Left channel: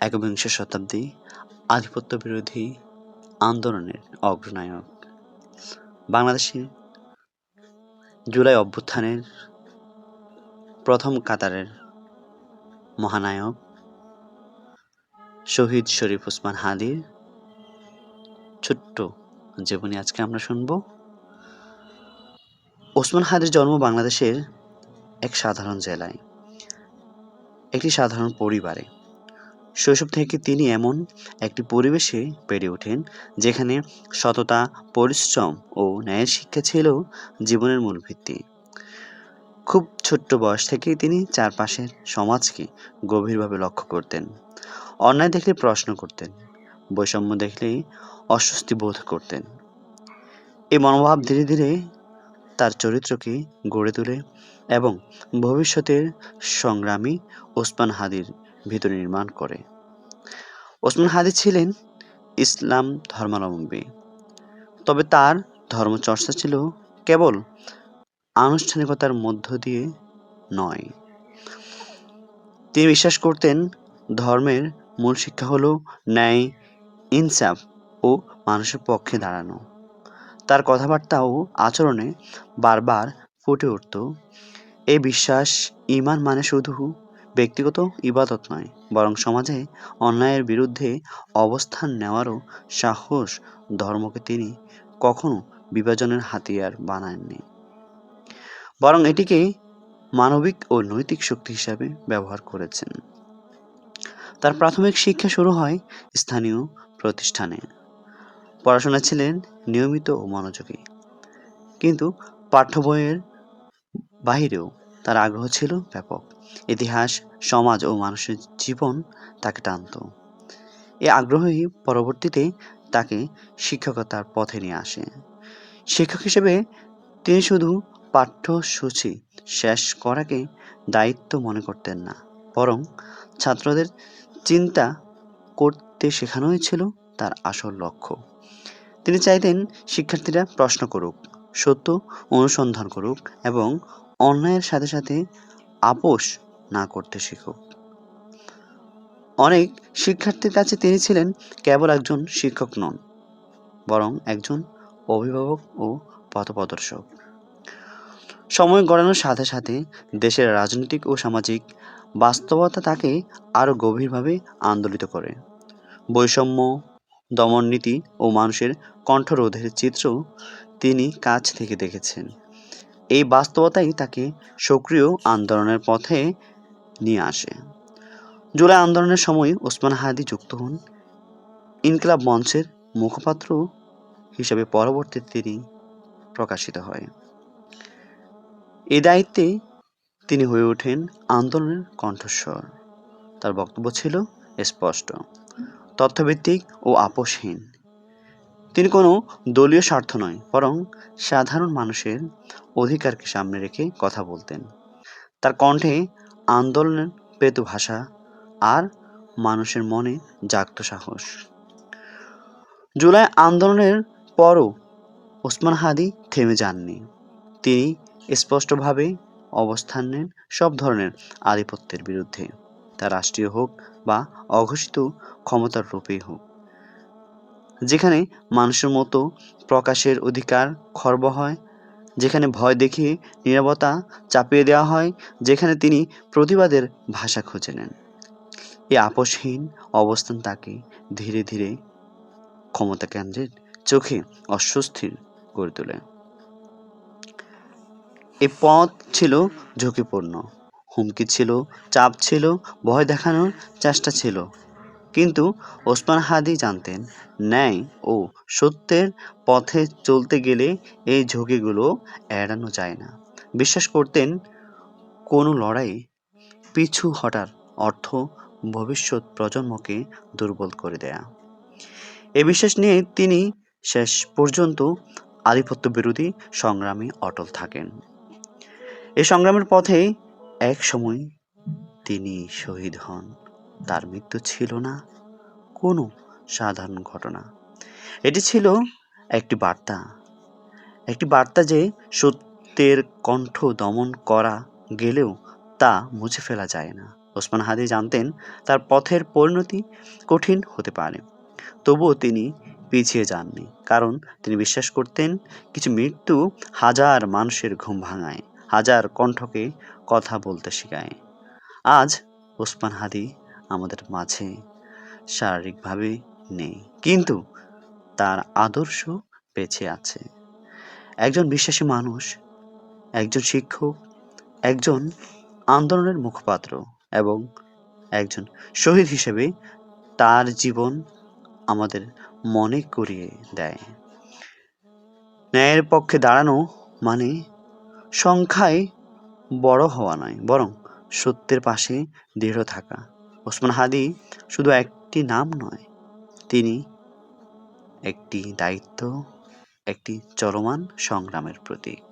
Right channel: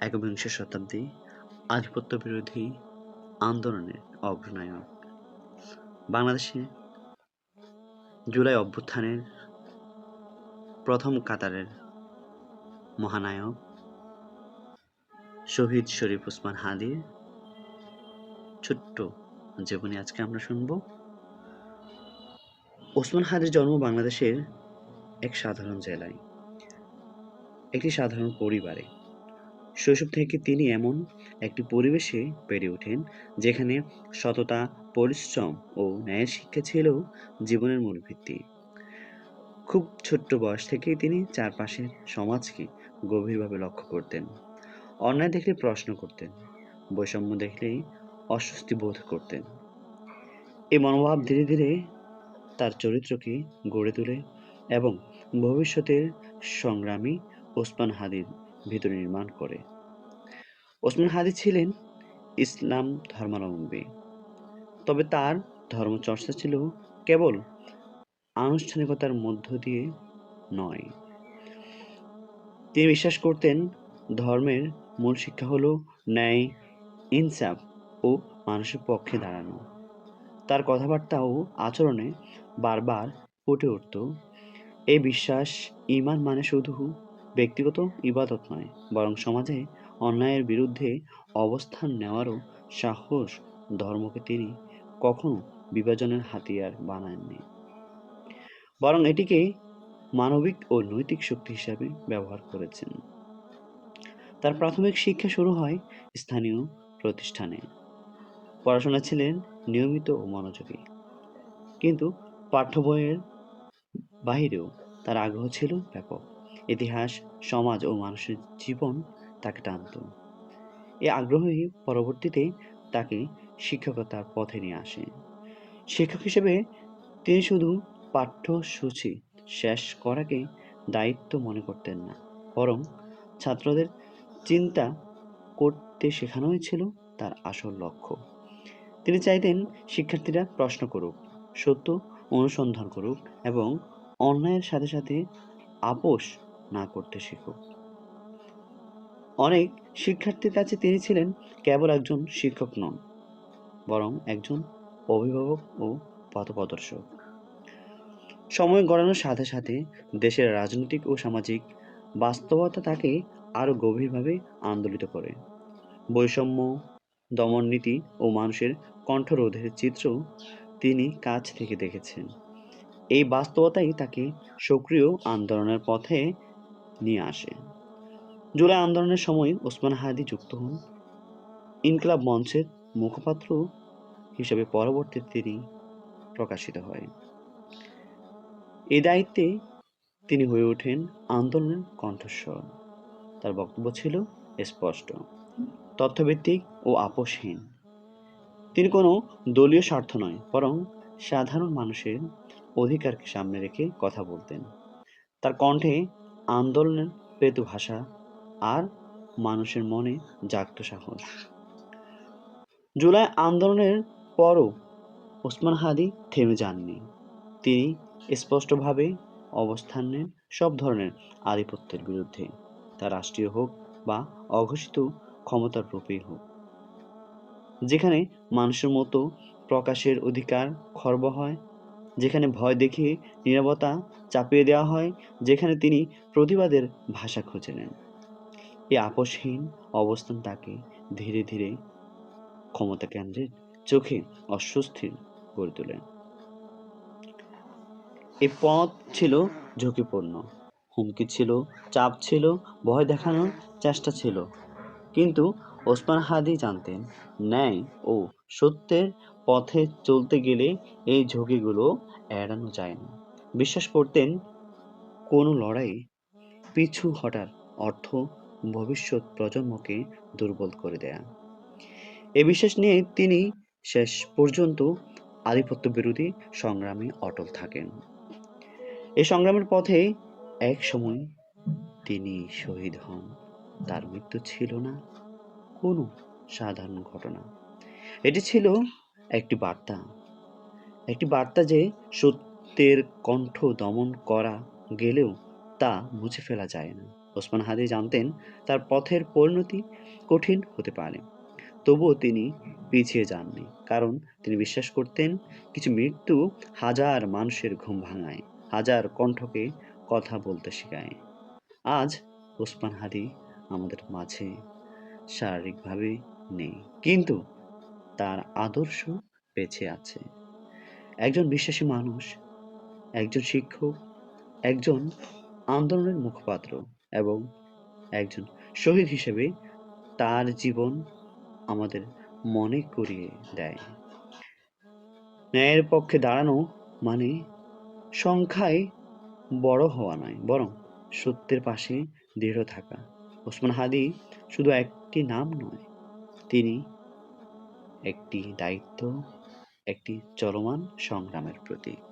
একবিংশ শতাব্দী আধিপত্য বিরোধী আন্দোলনের অগ্রনায়ক, বাংলাদেশে জুলাই অভ্যুত্থানের প্রথম কাতারের মহানায়ক শহীদ শরীফ ওসমান হাদির ছোট্ট জীবনী আজকে আমরা শুনব। ওসমান হাদির জন্ম বাংলাদেশের এক সাধারণ জেলায়, একটি সাধারণ পরিবারে। শৈশব থেকে তিনি এমন একটি পরিবেশে বেড়ে ওঠেন যেখানে সততা, পরিশ্রম ও ন্যায়ের শিক্ষা ছিল জীবনের মূল ভিত্তি। খুব ছোট্ট বয়স থেকেই তিনি চারপাশের সমাজকে গভীরভাবে লক্ষ্য করতেন। অন্যায় দেখলে প্রশ্ন করতেন, বৈষম্য দেখলেই অস্বস্তি বোধ করতেন। এই মনোভাব ধীরে ধীরে তার চরিত্রকে গড়ে তোলে এবং ভবিষ্যতের সংগ্রামী ওসমান হাদির ভিতর নির্মাণ করে। ওসমান হাদি ছিলেন ইসলাম ধর্মাবলম্বী, তবে তার ধর্মচর্চা ছিল কেবল আনুষ্ঠানিকতার মধ্য দিয়ে নয়। তিনি বিশ্বাস করতেন ধর্মের মূল শিক্ষা হলো ন্যায়, ইনসাফ ও মানুষের পক্ষে দাঁড়ানো। তার কথাবার্তা ও আচরণে বারবার ফুটে উঠত এই বিশ্বাস, ঈমান মানে শুধু ব্যক্তিগত ইবাদত নয়, বরং সমাজে অন্যায়ের বিরুদ্ধে অবস্থান নেওয়ারও সাহস। ধর্মকে তিনি কখনো বিভাজনের হাতিয়ার বানাননি, বরং এটিকে মানবিক ও নৈতিক শক্তি হিসাবে ব্যবহার করেছেন। তার প্রাথমিক শিক্ষা শুরু হয় স্থানীয় প্রতিষ্ঠানে। পড়াশোনা ছিলেন নিয়মিত ও মনোযোগী, কিন্তু পাঠ্য বইয়ের বাহিরেও তার আগ্রহ ছিল ব্যাপক। ইতিহাস, সমাজ ও মানুষের জীবন তাকে টানত। এই আগ্রহই পরবর্তীতে তাকে শিক্ষকতার পথে নিয়ে আসে। শিক্ষক হিসেবে তিনি শুধু পাঠ্যসূচি শেষ করাকে দায়িত্ব মনে করতেন না, বরং ছাত্রদের চিন্তা করতে শেখানোই ছিল তার আসল লক্ষ্য। তিনি চাইতেন শিক্ষার্থীরা প্রশ্ন করুক, সত্য অনুসন্ধান করুক এবং অন্যায়ের সাথে সাথে আপোষ না করতে শিখুক। অনেক শিক্ষার্থীর কাছে তিনি ছিলেন কেবল একজন শিক্ষক নন, বরং একজন অভিভাবক ও পথপ্রদর্শক। সময় গড়ানোর সাথে সাথে দেশের রাজনৈতিক ও সামাজিক বাস্তবতা তাকে আরও গভীরভাবে আন্দোলিত করে। বৈষম্য, দমননীতি ও মানুষের কণ্ঠরোধের চিত্র তিনি কাছ থেকে দেখেছেন। এই বাস্তবতাই তাকে সক্রিয় আন্দোলনের পথে নিয়ে আসে। জুলাই আন্দোলনের সময় ওসমান হাদি যুক্ত হন ইনকিলাব মঞ্চের মুখপাত্র হিসেবে, পরবর্তীতে তিনি প্রকাশিত হয়। এই দায়িত্বে তিনি হয়ে ওঠেন আন্দোলনের কণ্ঠস্বর। তার বক্তব্য ছিল স্পষ্ট, তথ্যভিত্তিক ও আপোষহীন। তিনি কোনো দলীয় স্বার্থ নয়, বরং সাধারণ মানুষের অধিকারকে সামনে রেখে কথা বলতেন। তার কণ্ঠে আন্দোলনের পেত ভাষা আর মানুষের মনে জাগত সাহস। জুলাই আন্দোলনের পরও ওসমান হাদি থেমে যাননি। তিনি স্পষ্টভাবে অবস্থান নেন সব ধরনের আধিপত্যের বিরুদ্ধে, তা রাষ্ট্রীয় হোক বা অঘোষিত ক্ষমতার রূপেই হোক। যেখানে মানুষের মতো প্রকাশের অধিকার খর্ব হয়, যেখানে ভয় দেখিয়ে নীরবতা চাপিয়ে দেওয়া হয়, যেখানে তিনি প্রতিবাদের ভাষা খুঁজে নেন। এই আপোষহীন অবস্থান তাকে ধীরে ধীরে ক্ষমতা কেন্দ্রের চোখে অস্বস্তির করে তোলে। এই পথ ছিল ঝুঁকিপূর্ণ, হুমকি ছিল, চাপ ছিল, ভয় দেখানোর চেষ্টা ছিল, কিন্তু ওসমান হাদি জানতেন ন্যায় ও সত্যের পথে চলতে গেলে এই ঝুঁকিগুলো এড়ানো যায় না। বিশ্বাস করতেন কোনো লড়াই পিছু হটার অর্থ ভবিষ্যৎ প্রজন্মকে দুর্বল করে দেয়া। এ বিশ্বাস নিয়ে তিনি শেষ পর্যন্ত আধিপত্য বিরোধী সংগ্রামে অটল থাকেন। এই সংগ্রামের পথে এক সময় তিনি শহীদ হন। তার মৃত্যু ছিল না কোনো সাধারণ ঘটনা, এটি ছিল একটি বার্তা, যে সত্যের কণ্ঠ দমন করা গেলেও তা মুছে ফেলা যায় না। ওসমান হাদি জানতেন তার পথের পরিণতি কঠিন হতে পারে, তবুও তিনি পিছিয়ে যাননি, কারণ তিনি বিশ্বাস করতেন কিছু মৃত্যু হাজার মানুষের ঘুম ভাঙায়, হাজার কণ্ঠকে কথা বলতে শেখায়। আজ ওসমান হাদি আমাদের মাঝে শারীরিকভাবে নেই, কিন্তু তার আদর্শ বেঁচে আছে। একজন বিশ্বাসী মানুষ, একজন শিক্ষক, একজন আন্দোলনের মুখপাত্র এবং একজন শহীদ হিসেবে তার জীবন আমাদের মনে করিয়ে দেয় ন্যায়ের পক্ষে দাঁড়ানো মানে সংখ্যায় বড় হওয়া নয়, বরং সত্যের পাশে দৃঢ় থাকা। ওসমান হাদি শুধু একটি নাম নয়, তিনি একটি দায়িত্ব, একটি চলমান সংগ্রামের প্রতীক।